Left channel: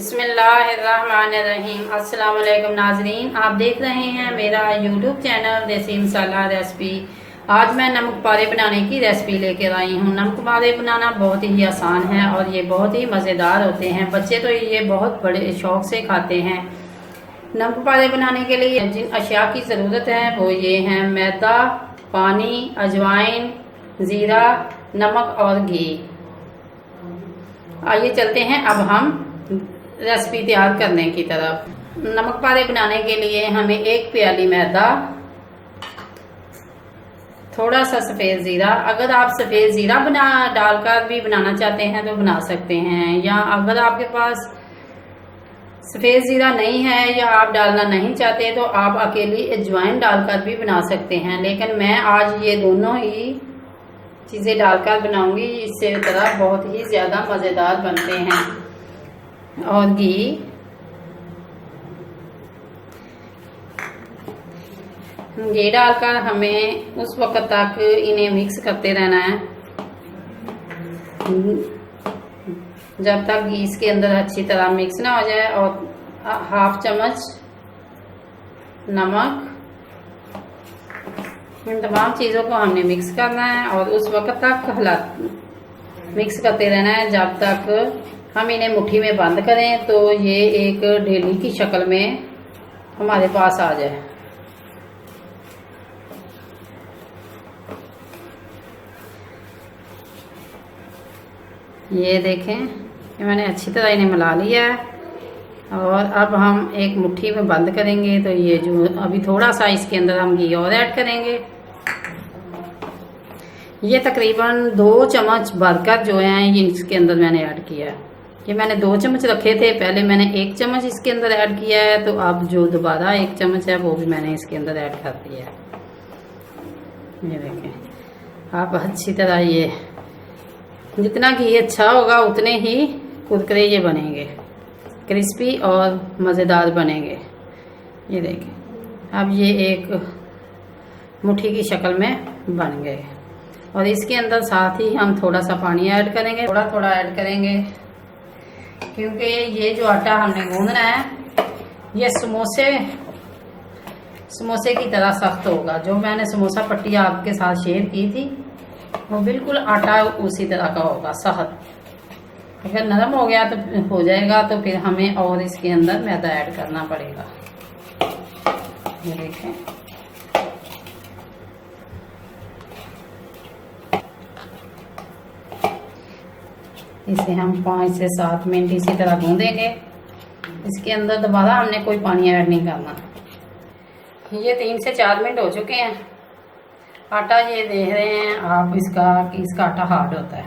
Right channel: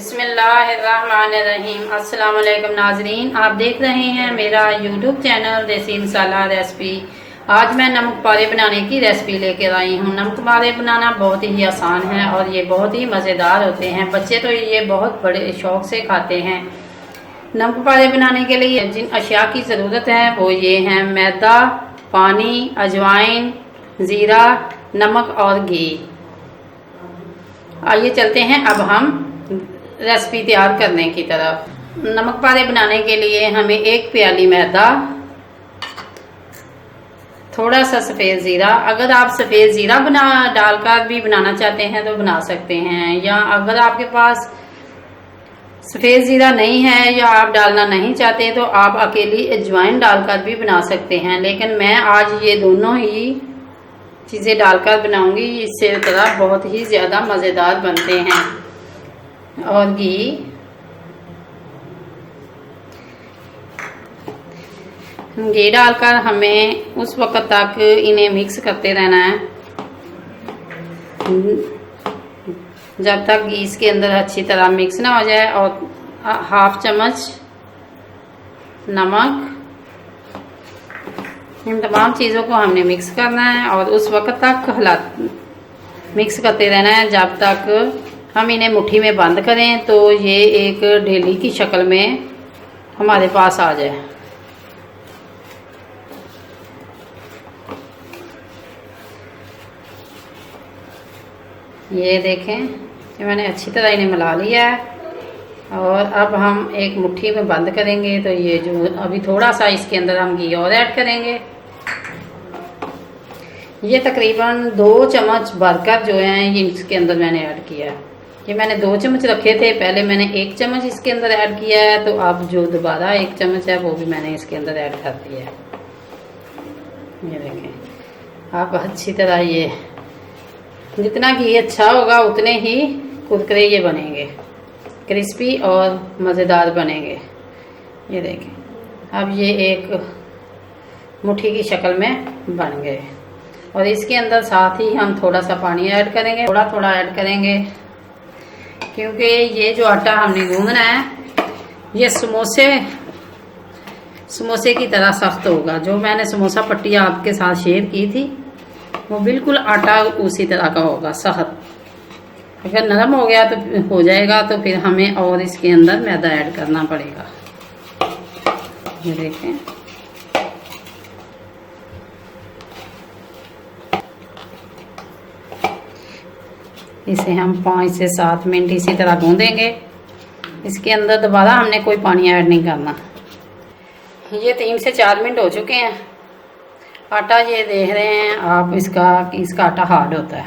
बिस्मिल्लाहिर्रहमानिर्रहीम। अस्सलाम वालेकुम नाजरीन, आप देख रहे हैं मेरा यूट्यूब चैनल देसी मसाला रेसिपी। आज मैं नमक पारे बनाने की रेसिपी लेकर आई हूँ। नमक पारे बनाना बहुत ही आसान है और ये बहुत ही मज़ेदार होते हैं। बच्चे तो ये बहुत बड़े शौक़ से खाते हैं। नमक पारे बनाने के लिए जिन अशिया की ज़रूरत है वो ये हैं: मैदा, पानी, अजवाइन, ज़ीरा, नमक और घी। आइए चलते हैं अब हम रेसिपी तैयार करने की तरफ। नमक पारे बनाने के लिए हमें 1 प्याली मैदा, थोड़ा सा सफ़ेद ज़ीरा। अगर आप सफ़ेद ज़ीरा डालकर भी बनाना चाहते हैं तो बना सकते हैं, या अगर आपके पास सफ़ेद ज़ीरा नहीं है या आप डालना नहीं चाहते तो आप अकेली अजवाइन डालकर भी बना सकते हैं। लेकिन मैं आज ये दोनों ही चीज़ें डालकर बनाऊंगी, इससे तरह बहुत ही ज़्यादा मज़ेदार बनते हैं। और घी डालकर हमें उस वक्त तक इन्हें मिक्स करते रहना है जब तक घी इसके अंदर अच्छी तरह मिक्स ना हो जाए। और 1/2 चम्मच नमक, इन तमाम चीज़ों को हमने मिक्स करना है और उस वक्त तक मिक्स करते रहना है जब तक हम इन्हें मुट्ठी में बंद करें तो ये एक ढेली की शक्ल में हमारे पास आ जाए। ये देखें कि मैंने अच्छी तरह इन्हें मिला लिया है और अब हम एक मुट्ठी में बंद करेंगे। तो ये जो अभी थोड़ा सा इसके अंदर हम घी और ऐड करेंगे। ये तकरीबन 2 चम्मच भरकर जो है ये इसके अंदर मैंने ऐड किया है। ये मैंने 2 चम्मच रखे थे, पहले मैंने 1 चम्मच इसके अंदर ऐड किया है, तो अब जो दोबारा 1 चम्मच है वो भी मैंने इसके अंदर ऐड कर दिया है। ये देखें आप अच्छी तरह ये जितना घी अच्छा होगा उतने ही कुरकुरे ये बनेंगे, क्रिस्पी और मज़ेदार बनेंगे। ये देखें अब ये एक मुट्ठी की शक्ल में बन गए और इसके अंदर साथ ही हम थोड़ा सा पानी ऐड करेंगे, थोड़ा थोड़ा ऐड करेंगे, क्योंकि ये जो आटा हमने गूंदना है ये समोसे की तरह सख्त होगा। जो मैंने समोसा पट्टी आपके साथ शेयर की थी वो बिल्कुल आटा उसी तरह का होगा, सख्त। अगर नरम हो गया तो हो जाएगा तो फिर हमें और इसके अंदर मैदा ऐड करना पड़ेगा। ये देखें इसे हम 5 से 7 मिनट इसी तरह गूंदेंगे। इसके अंदर दोबारा हमने कोई पानी ऐड नहीं करना। ये 3 से 4 मिनट हो चुके हैं। आटा ये देख रहे हैं आप इसका आटा हार्ड होता है,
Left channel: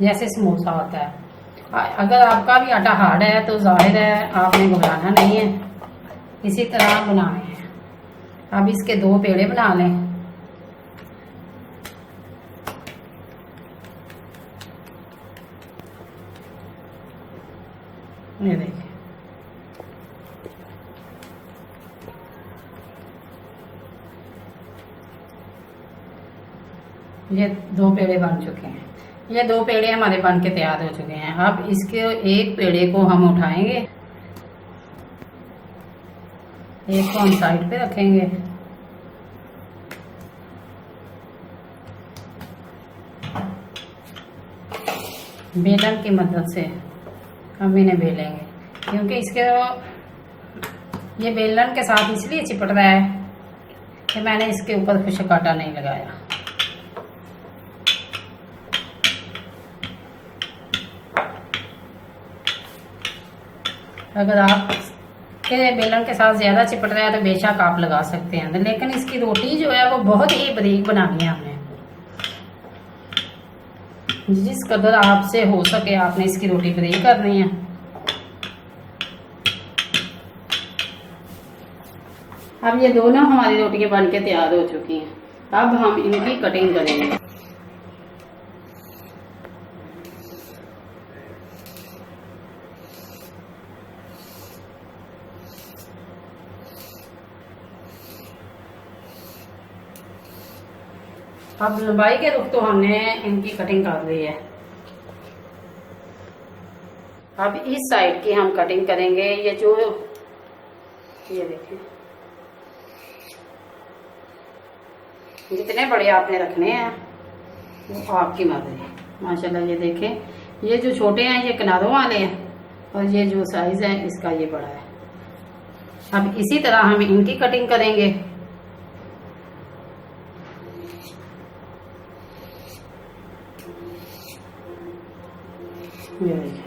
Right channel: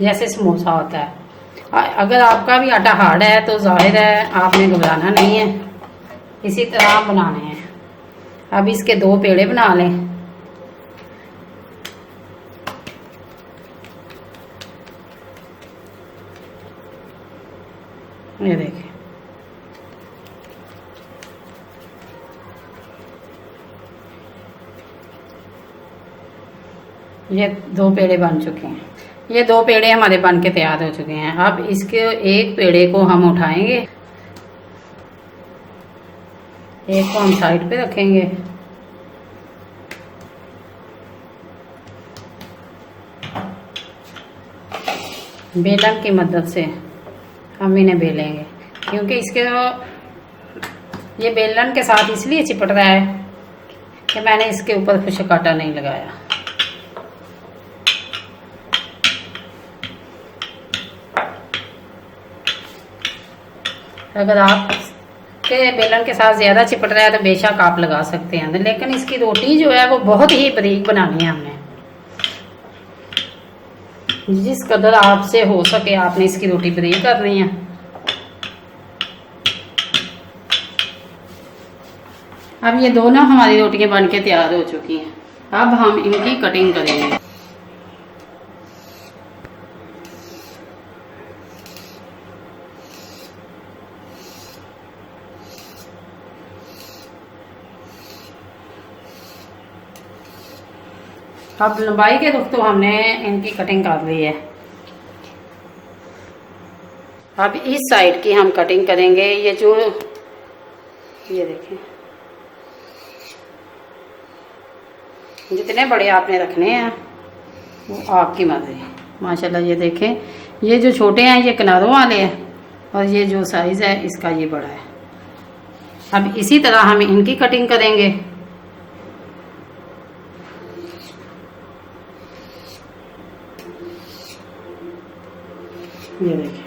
जैसे समोसा होता है। अगर आपका भी आटा हार्ड है तो जाहिर है आपने घबराना नहीं है, इसी तरह बनाने हैं। अब इसके 2 पेड़े बना लें। ये देखें ये 2 पेड़े बन चुके हैं। ये 2 पेड़े हमारे बन के तैयार हो चुके हैं। अब इसके एक पेड़े को हम उठाएंगे, एक को हम साइड पे रखेंगे। बेलन की मदद से हम इन्हें बेलेंगे, क्योंकि ये बेलन के साथ इसलिए चिपट रहा है कि मैंने इसके ऊपर खुश्क आटा नहीं लगाया। अगर आप के बेलन के साथ ज़्यादा चिपट रहा है तो बेशक आप लगा सकते हैं, लेकिन इसकी रोटी जो है वो बहुत ही बारीक बनानी है हमने। जिस कदर आपसे हो सके आपने इसकी रोटी बारीक करनी है। अब ये दोनों हमारी रोटियां बन के तैयार हो चुकी हैं। अब हम इनकी कटिंग करेंगे। अब लंबाई के रुख तो हमने इनकी कटिंग कर ली है। अब इस साइड की हम कटिंग करेंगे। ये देखें, जितने बड़े आपने रखने हैं वो आपकी मर्जी है। माशाल्लाह ये देखें, ये जो छोटे हैं ये किनारों वाले हैं और ये जो साइज़ है इसका ये बड़ा है। अब इसी तरह हम इनकी कटिंग करेंगे। ये देखिए,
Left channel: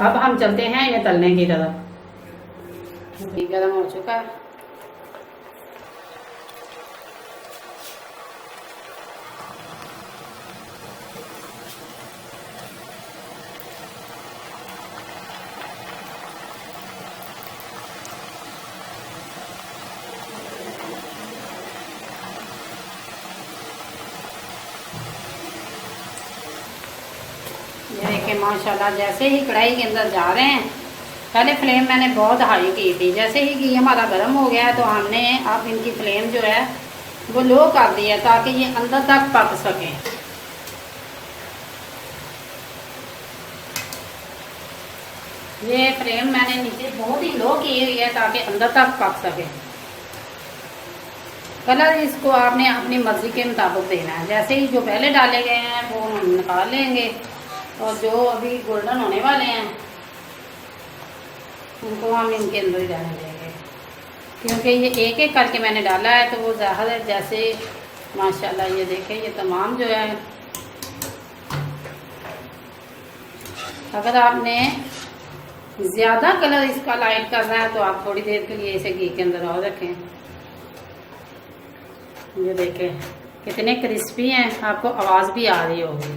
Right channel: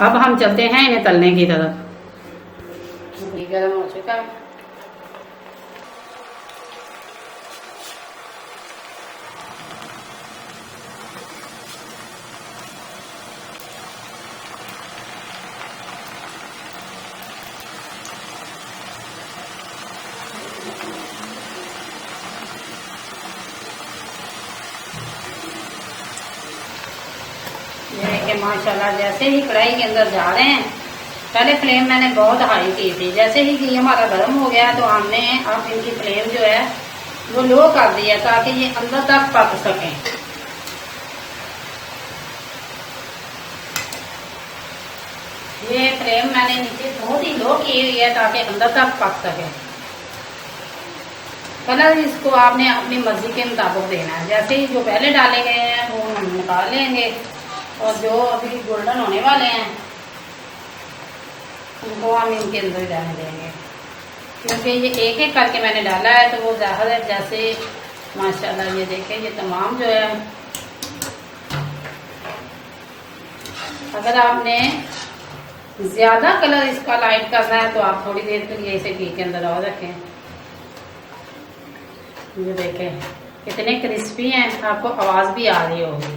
अब हम चलते हैं इन्हें तलने की तरफ। गरम हो चुका है। ये देखिए माशाल्लाह, जैसे ही कढ़ाई के अंदर जा रहे हैं, पहले फ्लेम मैंने बहुत हाई की थी, जैसे ही घी हमारा गर्म हो गया तो हमने अब इनकी फ्लेम जो है वो लो कर दिया ताकि ये अंदर तक पक सकें। ये फ्लेम मैंने नीचे बहुत ही लो की हुई है ताकि अंदर तक पक सके। कलर इसको आपने अपनी मर्जी के मुताबिक देना है। जैसे ही जो पहले डाले गए हैं वो हम निकाल लेंगे और जो अभी गोल्डन होने वाले हैं उनको हम इनके अंदर ही डालने देंगे, क्योंकि ये एक एक करके मैंने डाला है तो वो ज़ाहिर है। जैसे माशाल्लाह ये देखें, ये तमाम जो है, अगर आपने ज़्यादा कलर इसका लाइट करना है तो आप थोड़ी देर के लिए इसे घी के अंदर और रखें। ये देखें कितने क्रिस्पी हैं, आपको आवाज़ भी आ रही होगी।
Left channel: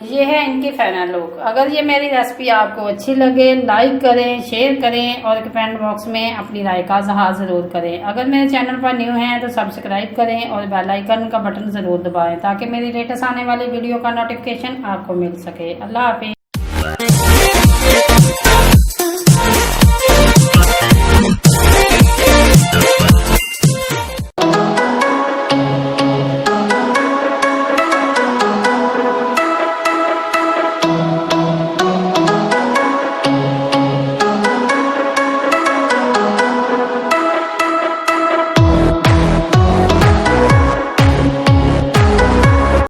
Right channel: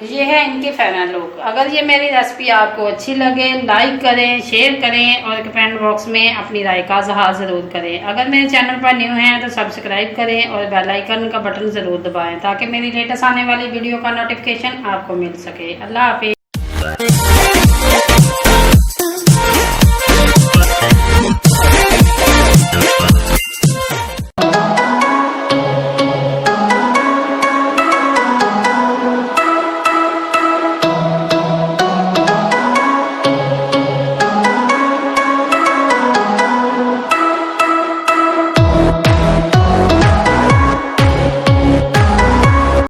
ये है इनके फाइनल लुक। अगर ये मेरी रेसिपी आपको अच्छी लगे, लाइक करें, शेयर करें और कमेंट बॉक्स में अपनी राय का इज़हार ज़रूर करें। अगर मेरे चैनल पर न्यू हैं तो सब्सक्राइब करें और बेल आइकन का बटन ज़रूर दबाएं ताकि मेरी लेटेस्ट आने वाली वीडियो का नोटिफिकेशन आपको मिल सके। अल्लाह हाफिज़।